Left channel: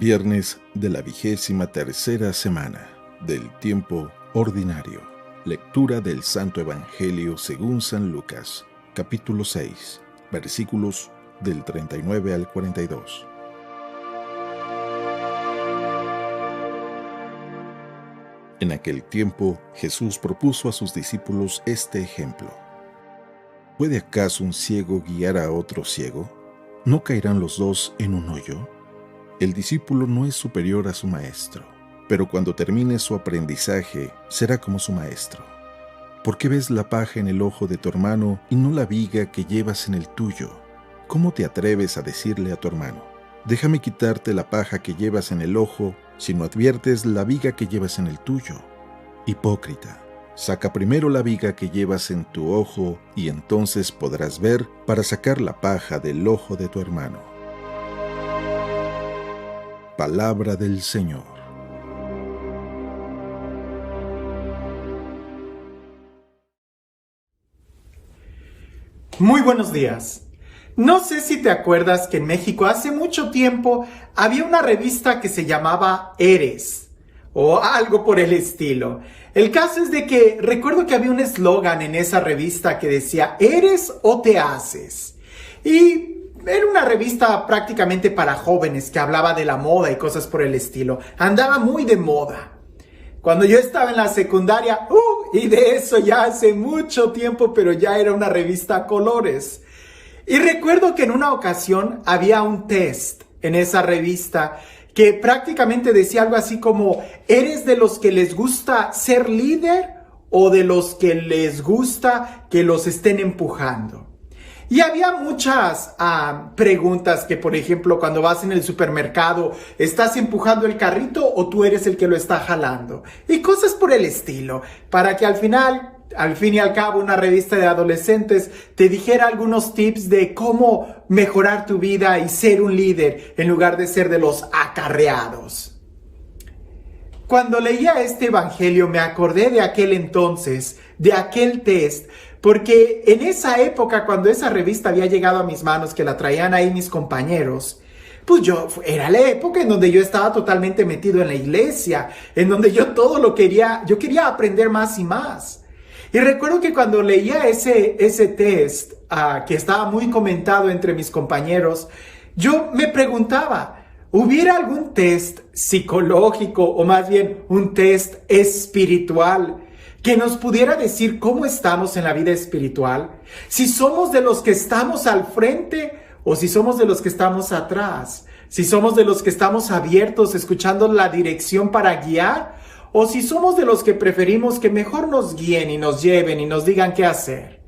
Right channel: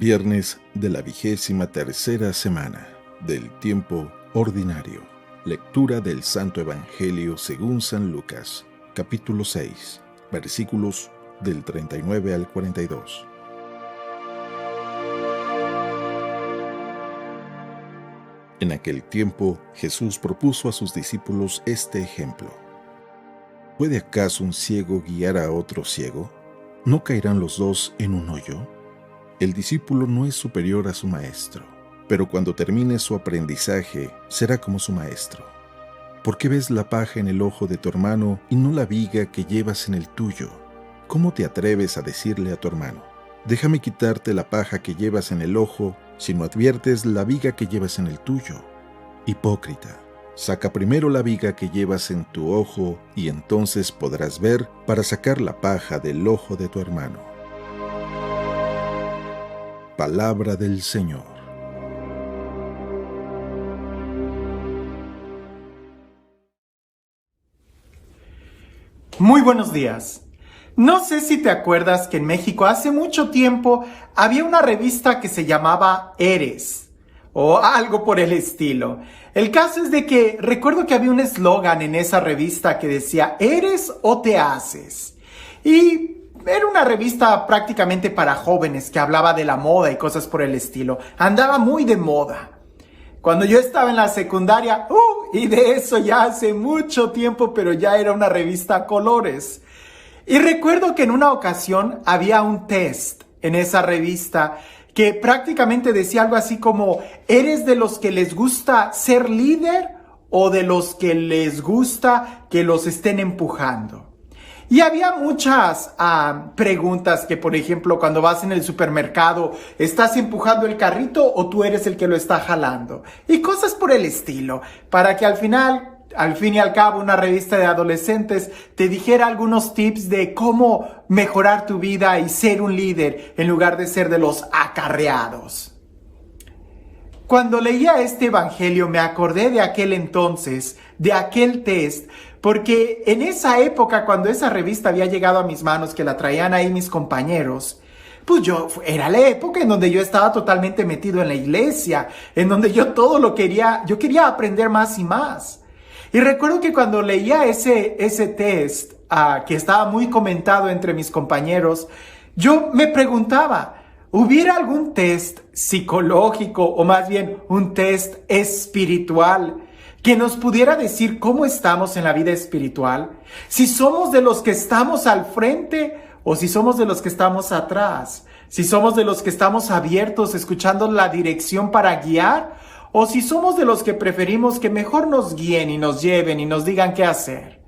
Viernes de la 23ª semana del tiempo ordinario. Lectura del Santo Evangelio según San Lucas, capítulo 6, versículos del 39 al 42. En aquel tiempo, Jesús propuso a sus discípulos este ejemplo. ¿Puede acaso un ciego guiar a otro ciego? ¿No caerán los dos en un hoyo? El discípulo no es superior a su maestro, pero cuando termine su aprendizaje, será como su maestro. ¿Por qué ves la paja en el ojo de tu hermano y no la viga que llevas en el tuyo? ¿Cómo te atreves a decirle a tu hermano, déjame quitarte la paja que llevas en el ojo, si no adviertes la viga que llevas en el tuyo? Hipócrita, saca primero la viga que llevas en tu ojo y entonces podrás ver para sacar la paja del ojo de tu hermano. Palabra del Señor. Muy buenos días. No sé si te acuerdas que en México hace mucho tiempo había una revista que se llamaba Eres, o algo por el estilo. El caso es de que recuerdo que había un eslogan en esa revista que decía, ¿eres o te haces? Y era una revista prácticamente para jóvenes que hablaba de la moda y cosas por el estilo. Andaba muy de moda. Cuando yo estaba en la secundaria, y de eso ya hace mucho tiempo, pero ya era una revista a colores. Y recuerdo que en una ocasión había un test en esa revista que prácticamente decía algo así como, ¿eres de los que les gusta ser líder o de los que les gusta que los estén empujando? Y había muchas preguntas que, por ejemplo, cuando vas en el supermercado, ¿estás empujando el carrito o tú eres el que lo está jalando? Y cosas por el estilo, para que al fin y al cabo, una revista de adolescentes te dijera algunos tips de cómo mejorar tu vida y ser un líder en lugar de ser de los acarreados. Cuando leía este evangelio me acordé de aquel entonces, de aquel test, porque en esa época, cuando esa revista había llegado a mis manos, que la traían ahí mis compañeros, pues era la época en donde yo estaba totalmente metido en la iglesia, en donde yo quería aprender más y más. Y recuerdo que cuando leía ese test, que estaba muy comentado entre mis compañeros, yo me preguntaba, ¿hubiera algún test psicológico o más bien un test espiritual que nos pudiera decir cómo estamos en la vida espiritual? Si somos de los que estamos al frente o si somos de los que estamos atrás. Si somos de los que estamos abiertos, escuchando la dirección para guiar, o si somos de los que preferimos que mejor nos guíen y nos lleven y nos digan qué hacer.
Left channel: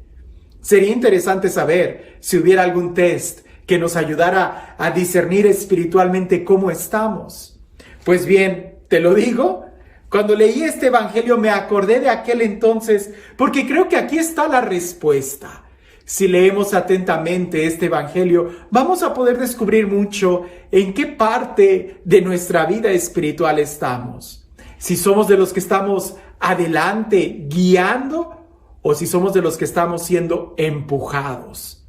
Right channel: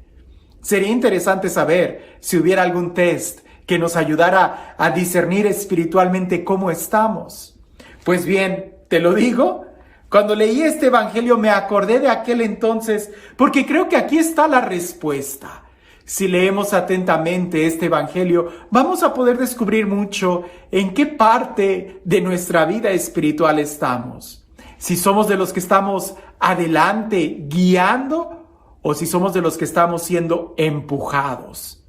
Sería interesante saber si hubiera algún test que nos ayudara a discernir espiritualmente cómo estamos. Pues bien, te lo digo, cuando leí este evangelio me acordé de aquel entonces, porque creo que aquí está la respuesta. Si leemos atentamente este evangelio, vamos a poder descubrir mucho en qué parte de nuestra vida espiritual estamos. Si somos de los que estamos adelante guiando o si somos de los que estamos siendo empujados.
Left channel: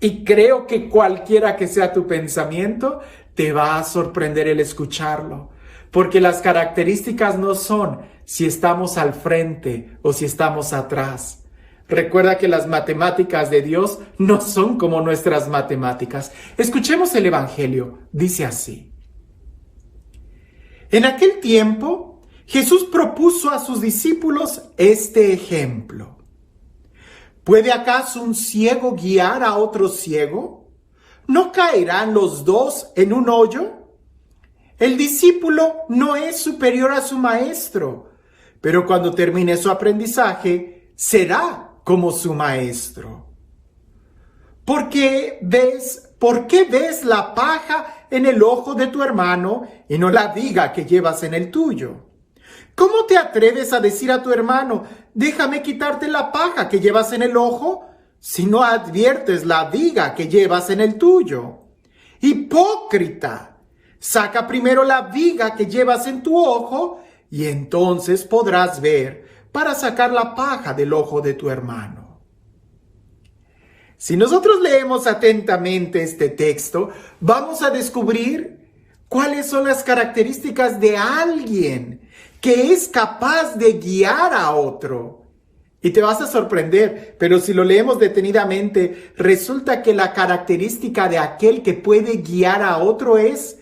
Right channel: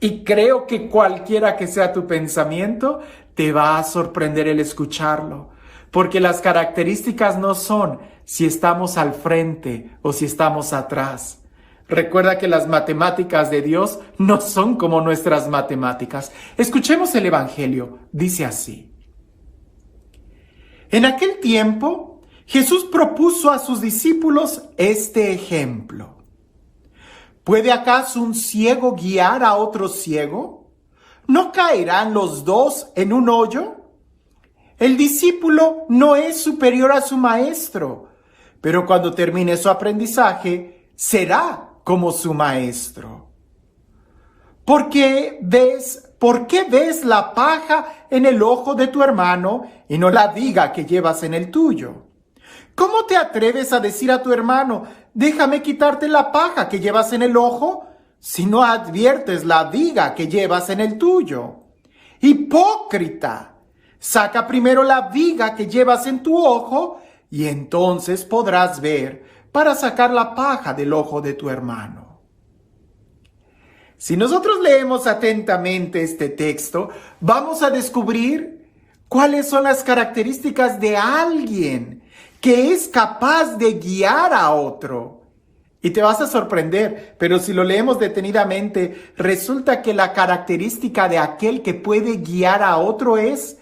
Y creo que cualquiera que sea tu pensamiento, te va a sorprender el escucharlo. Porque las características no son si estamos al frente o si estamos atrás. Recuerda que las matemáticas de Dios no son como nuestras matemáticas. Escuchemos el evangelio. Dice así. En aquel tiempo, Jesús propuso a sus discípulos este ejemplo. ¿Puede acaso un ciego guiar a otro ciego? ¿No caerán los dos en un hoyo? El discípulo no es superior a su maestro, pero cuando termine su aprendizaje, será como su maestro. ¿Por qué ves la paja en el ojo de tu hermano y no la viga que llevas en el tuyo? ¿Cómo te atreves a decir a tu hermano, déjame quitarte la paja que llevas en el ojo, si no adviertes la viga que llevas en el tuyo? Hipócrita. Saca primero la viga que llevas en tu ojo y entonces podrás ver para sacar la paja del ojo de tu hermano. Si nosotros leemos atentamente este texto, vamos a descubrir ¿Cuáles son las características de alguien que es capaz de guiar a otro? Y te vas a sorprender, pero si lo leemos detenidamente, resulta que la característica de aquel que puede guiar a otro es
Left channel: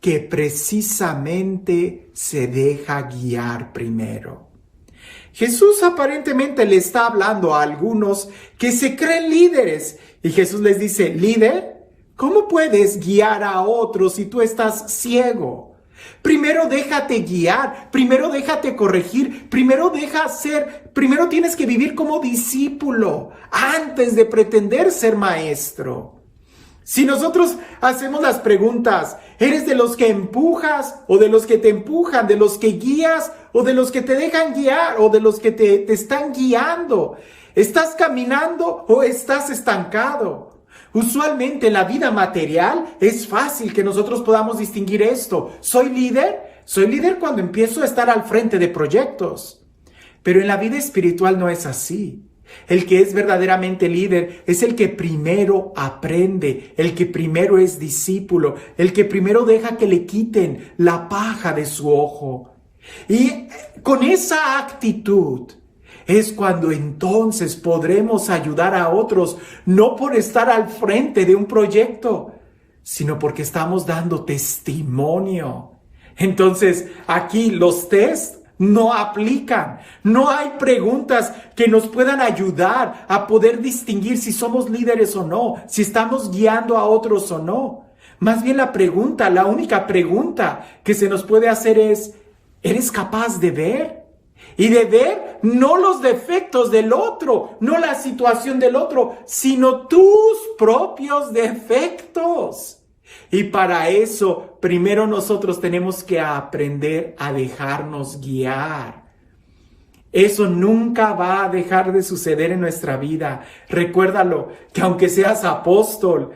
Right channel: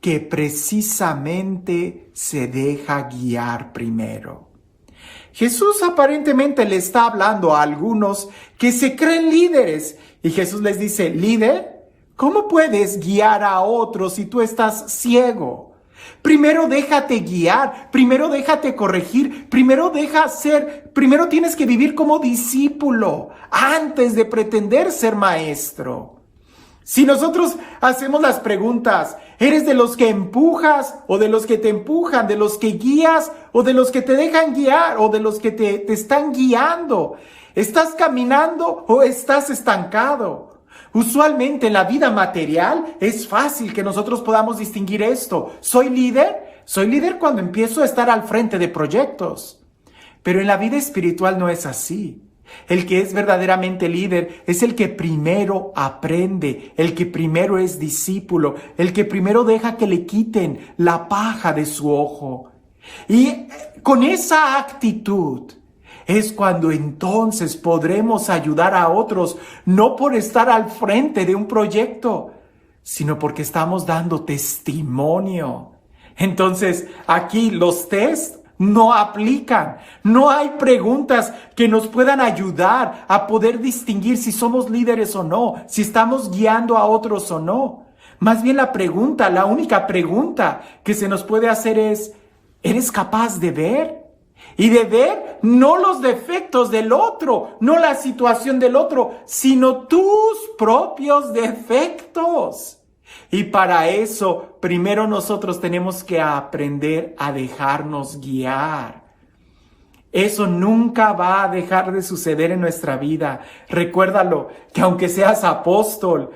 que precisamente se deja guiar primero. Jesús aparentemente le está hablando a algunos que se creen líderes y Jesús les dice, ¿líder? ¿Cómo puedes guiar a otros si tú estás ciego? Primero déjate guiar, primero déjate corregir, primero tienes que vivir como discípulo antes de pretender ser maestro. Si nosotros hacemos las preguntas, ¿eres de los que empujas o de los que te empujan, de los que guías o de los que te dejan guiar o de los que te están guiando? ¿Estás caminando o estás estancado? Usualmente en la vida material es fácil que nosotros podamos distinguir esto. ¿Soy líder? Soy líder cuando empiezo a estar al frente de proyectos. Pero en la vida espiritual no es así. El que es verdaderamente líder es el que primero aprende, el que primero es discípulo, el que primero deja que le quiten la paja de su ojo. Y con esa actitud es cuando entonces podremos ayudar a otros, no por estar al frente de un proyecto, sino porque estamos dando testimonio. Entonces, aquí los test no aplican. No hay preguntas que nos puedan ayudar a poder distinguir si somos líderes o no, si estamos guiando a otros o no. Más bien la única pregunta que se nos puede hacer es, ¿eres capaz de ver? Y de ver no los defectos del otro, no la situación del otro, sino tus propios defectos. Y para eso, primero nosotros tenemos que aprender a dejarnos guiar. Eso nunca va a dejar de suceder en nuestra vida. Recuérdalo, que aunque seas apóstol,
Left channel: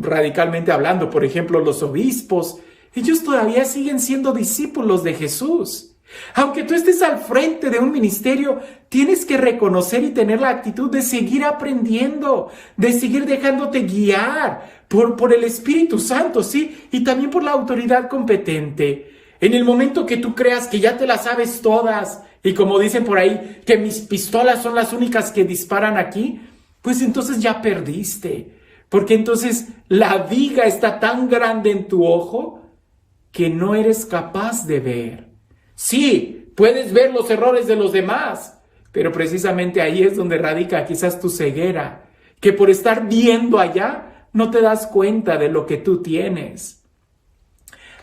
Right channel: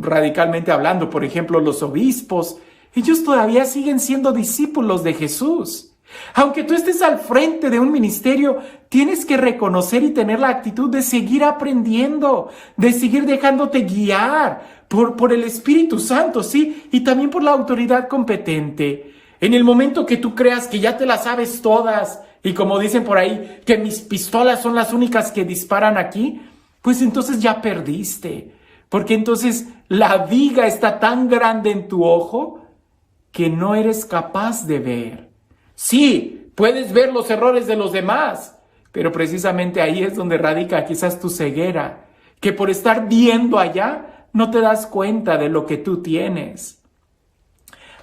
radicalmente hablando, por ejemplo, los obispos, ellos todavía siguen siendo discípulos de Jesús. Aunque tú estés al frente de un ministerio, tienes que reconocer y tener la actitud de seguir aprendiendo, de seguir dejándote guiar por el Espíritu Santo, ¿sí? Y también por la autoridad competente. En el momento que tú creas que ya te las sabes todas, y como dicen por ahí, que mis pistolas son las únicas que disparan aquí, pues entonces ya perdiste. Porque entonces la viga está tan grande en tu ojo que no eres capaz de ver. Sí, puedes ver los errores de los demás, pero precisamente ahí es donde radica quizás tu ceguera, que por estar viendo allá no te das cuenta de lo que tú tienes.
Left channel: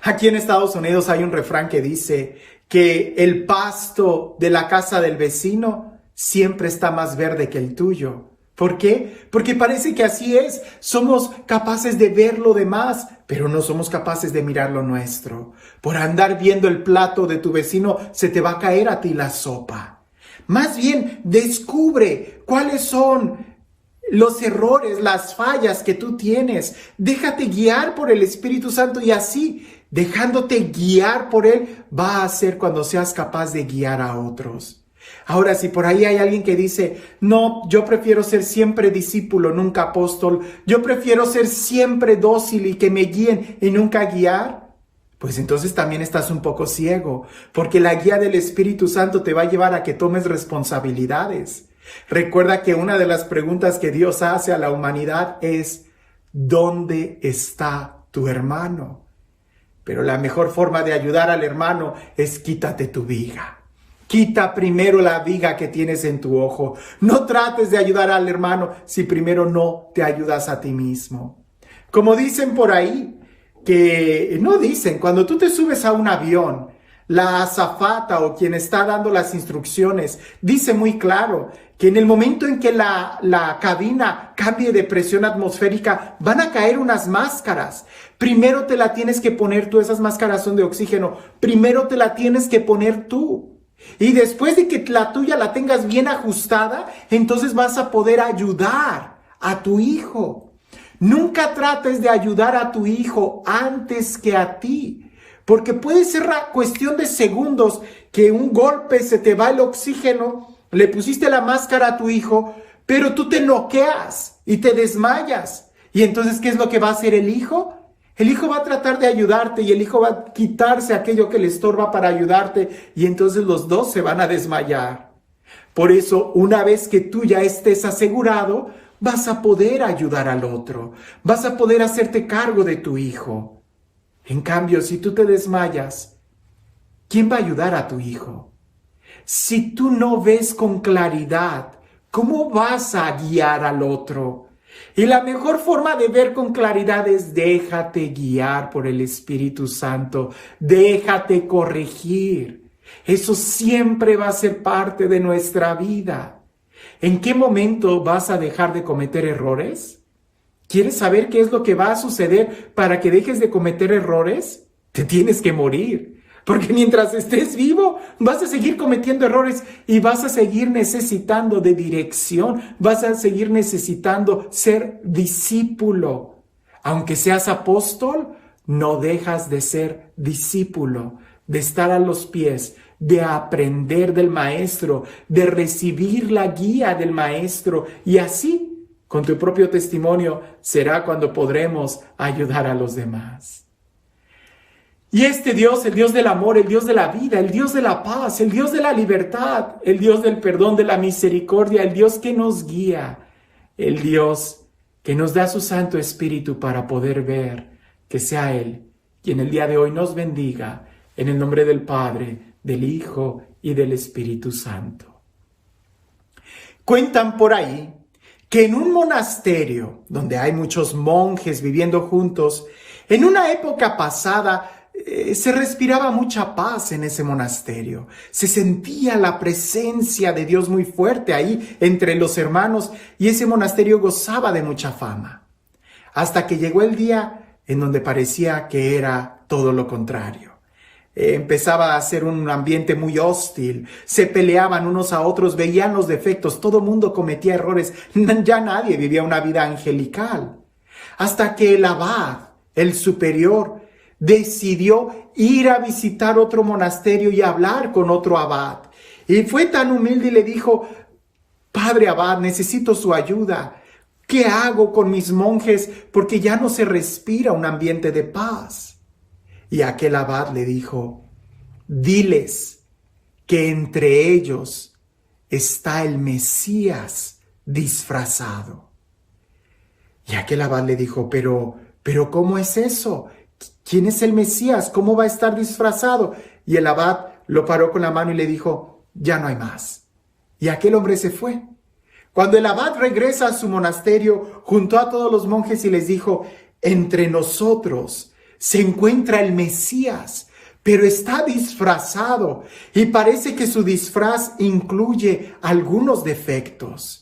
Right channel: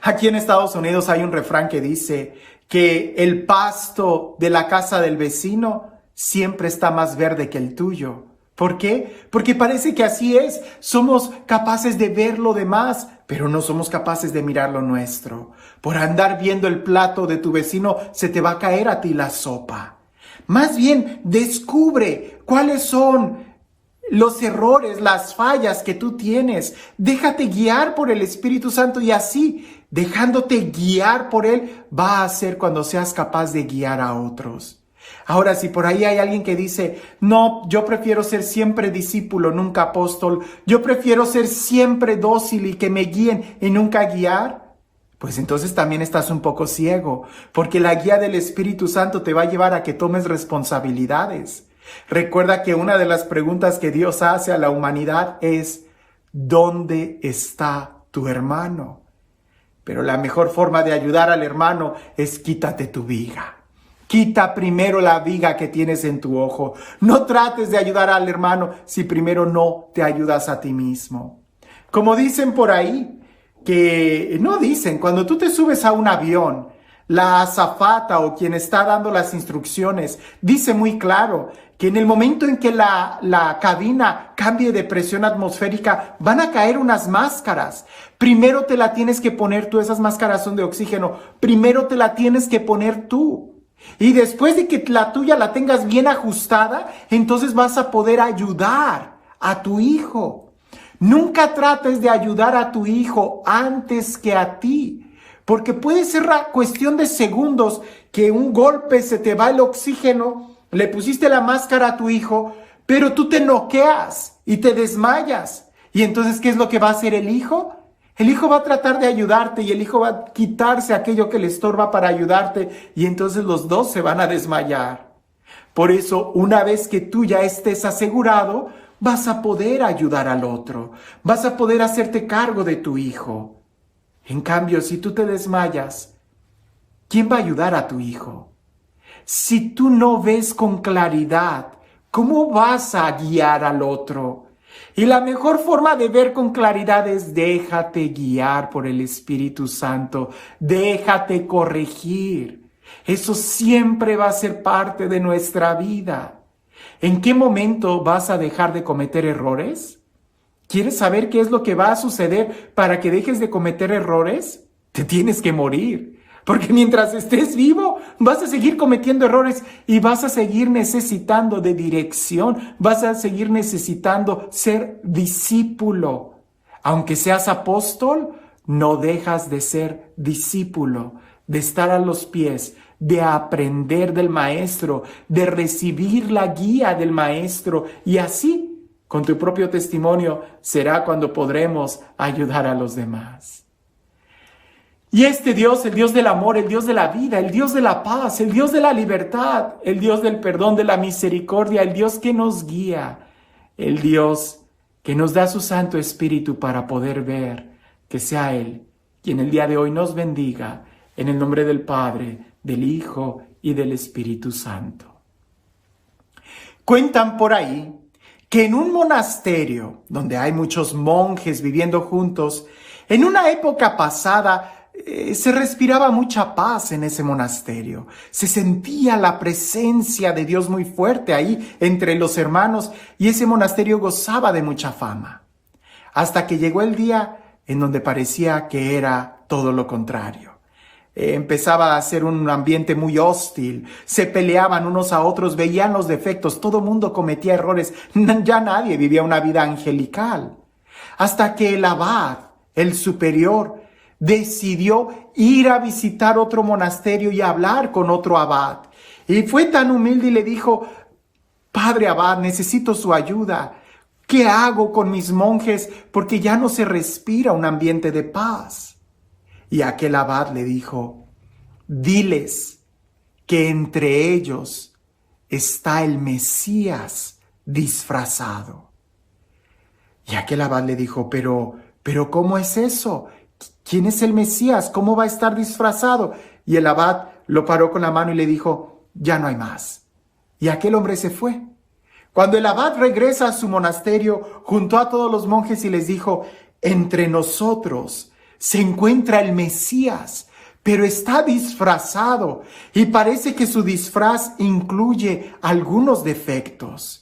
Aquí en Estados Unidos hay un refrán que dice que el pasto de la casa del vecino siempre está más verde que el tuyo. ¿Por qué? Porque parece que así es. Somos capaces de ver lo demás, pero no somos capaces de mirar lo nuestro. Por andar viendo el plato de tu vecino, se te va a caer a ti la sopa. Más bien, descubre cuáles son los errores, las fallas que tú tienes. Déjate guiar por el Espíritu Santo y así, dejándote guiar por Él, va a ser cuando seas capaz de guiar a otros. Ahora, si por ahí hay alguien que dice, no, yo prefiero ser siempre discípulo, nunca apóstol, yo prefiero ser siempre dócil y que me guíen y nunca guiar, pues entonces también estás un poco ciego, porque la guía del Espíritu Santo te va a llevar a que tomes responsabilidades. Recuerda que una de las preguntas que Dios hace a la humanidad es, ¿dónde está tu hermano? Pero la mejor forma de ayudar al hermano es quítate tu viga. Quita primero la viga que tienes en tu ojo. No trates de ayudar al hermano si primero no te ayudas a ti mismo. Como dicen por ahí, cuando tú te subes a un avión, la azafata o quien está dando las instrucciones dice muy claro que en el momento en que la cabina cambie de presión atmosférica, van a caer unas máscaras. Primero te la tienes que poner tú, esas máscaras son de oxígeno. Primero te la tienes que poner tú. Y después de que la tuya la tengas bien ajustada, entonces vas a poder ayudar a tu hijo. Nunca trates de ayudar a tu hijo antes que a ti, porque puede ser cuestión de segundos que un golpe se te va el oxígeno, le pusiste la máscara a tu hijo, pero tú te noqueas y te desmayas. Y entonces, ¿qué es lo que va a hacer el hijo? El hijo va a tratar de ayudarte y el hijo va a quitarse aquello que le estorba para ayudarte y entonces los dos se van a desmayar. Por eso, una vez que tú ya estés asegurado, vas a poder ayudar al otro, vas a poder hacerte cargo de tu hijo. En cambio, si tú te desmayas, ¿quién va a ayudar a tu hijo? Si tú no ves con claridad, ¿cómo vas a guiar al otro? Y la mejor forma de ver con claridad es déjate guiar por el Espíritu Santo, déjate corregir. Eso siempre va a ser parte de nuestra vida. ¿En qué momento vas a dejar de cometer errores? ¿Quieres saber qué es lo que va a suceder para que dejes de cometer errores? Te tienes que morir. Porque mientras estés vivo, vas a seguir cometiendo errores y vas a seguir necesitando de dirección, vas a seguir necesitando ser discípulo. Aunque seas apóstol, no dejas de ser discípulo, de estar a los pies, de aprender del maestro, de recibir la guía del maestro y así, con tu propio testimonio, será cuando podremos ayudar a los demás. Y este Dios, el Dios del amor, el Dios de la vida, el Dios de la paz, el Dios de la libertad, el Dios del perdón, de la misericordia, el Dios que nos guía, el Dios que nos da su Santo Espíritu para poder ver, que sea Él quien el día de hoy nos bendiga, en el nombre del Padre, del Hijo y del Espíritu Santo. Cuentan por ahí que en un monasterio, donde hay muchos monjes viviendo juntos, en una época pasada, se respiraba mucha paz en ese monasterio. Se sentía la presencia de Dios muy fuerte ahí entre los hermanos y ese monasterio gozaba de mucha fama. Hasta que llegó el día en donde parecía que era todo lo contrario. Empezaba a ser un ambiente muy hostil, se peleaban unos a otros, veían los defectos, todo mundo cometía errores, ya nadie vivía una vida angelical. Hasta que el abad, el superior, decidió ir a visitar otro monasterio y hablar con otro abad. Y fue tan humilde y le dijo: Padre abad, necesito su ayuda. ¿Qué hago con mis monjes? Porque ya no se respira un ambiente de paz. Y aquel abad le dijo: diles que entre ellos está el Mesías disfrazado. Y aquel abad le dijo: pero ¿cómo es eso? ¿Quién es el Mesías? ¿Cómo va a estar disfrazado? Y el abad lo paró con la mano y le dijo: ya no hay más. Y aquel hombre se fue. Cuando el abad regresa a su monasterio, juntó a todos los monjes y les dijo: entre nosotros se encuentra el Mesías, pero está disfrazado y parece que su disfraz incluye algunos defectos.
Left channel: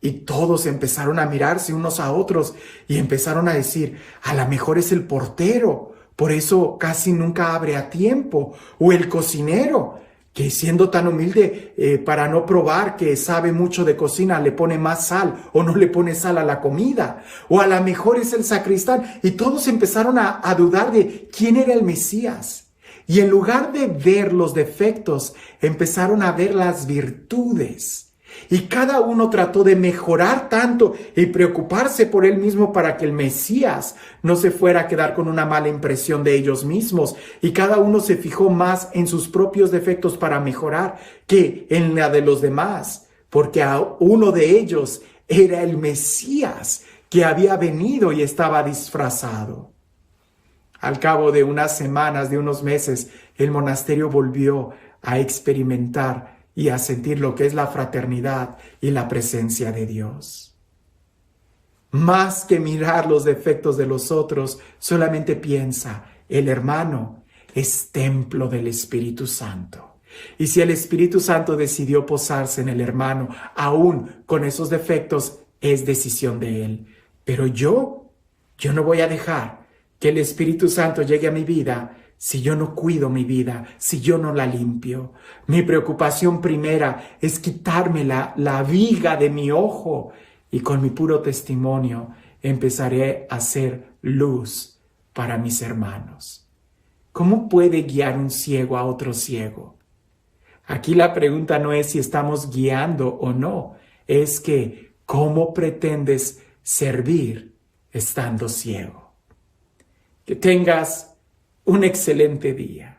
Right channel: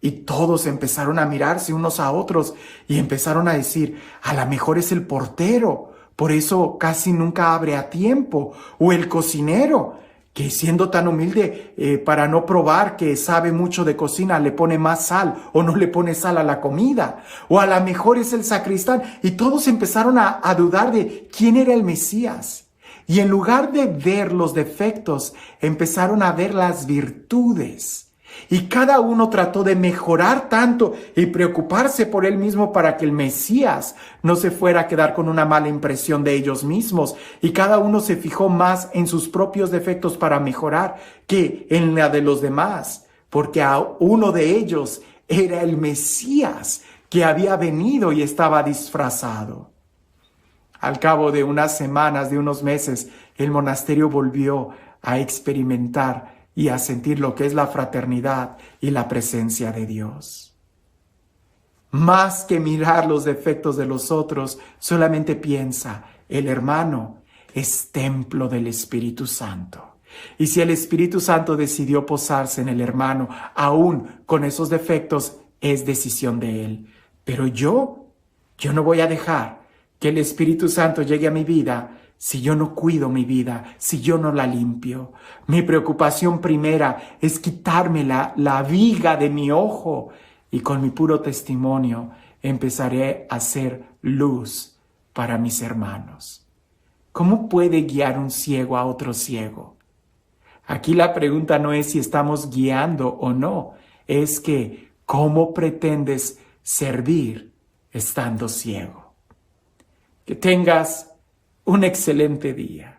Y todos empezaron a mirarse unos a otros y empezaron a decir: a lo mejor es el portero, por eso casi nunca abre a tiempo, o el cocinero, que siendo tan humilde para no probar que sabe mucho de cocina, le pone más sal o no le pone sal a la comida, o a lo mejor es el sacristán. Y todos empezaron a dudar de quién era el Mesías. Y en lugar de ver los defectos, empezaron a ver las virtudes. Y cada uno trató de mejorar tanto y preocuparse por él mismo para que el Mesías no se fuera a quedar con una mala impresión de ellos mismos. Y cada uno se fijó más en sus propios defectos para mejorar que en la de los demás, porque a uno de ellos era el Mesías que había venido y estaba disfrazado. Al cabo de unas semanas, de unos meses, el monasterio volvió a experimentar y a sentir lo que es la fraternidad y la presencia de Dios. Más que mirar los defectos de los otros, solamente piensa: el hermano es templo del Espíritu Santo. Y si el Espíritu Santo decidió posarse en el hermano, aún con esos defectos, es decisión de él. Pero yo no voy a dejar que el Espíritu Santo llegue a mi vida si yo no cuido mi vida, si yo no la limpio. Mi preocupación primera es quitarme la viga de mi ojo y con mi puro testimonio empezaré a ser luz para mis hermanos. ¿Cómo puede guiar un ciego a otro ciego? Aquí la pregunta no es si estamos guiando o no, es que ¿cómo pretendes servir estando ciego? Que tengas un excelente día.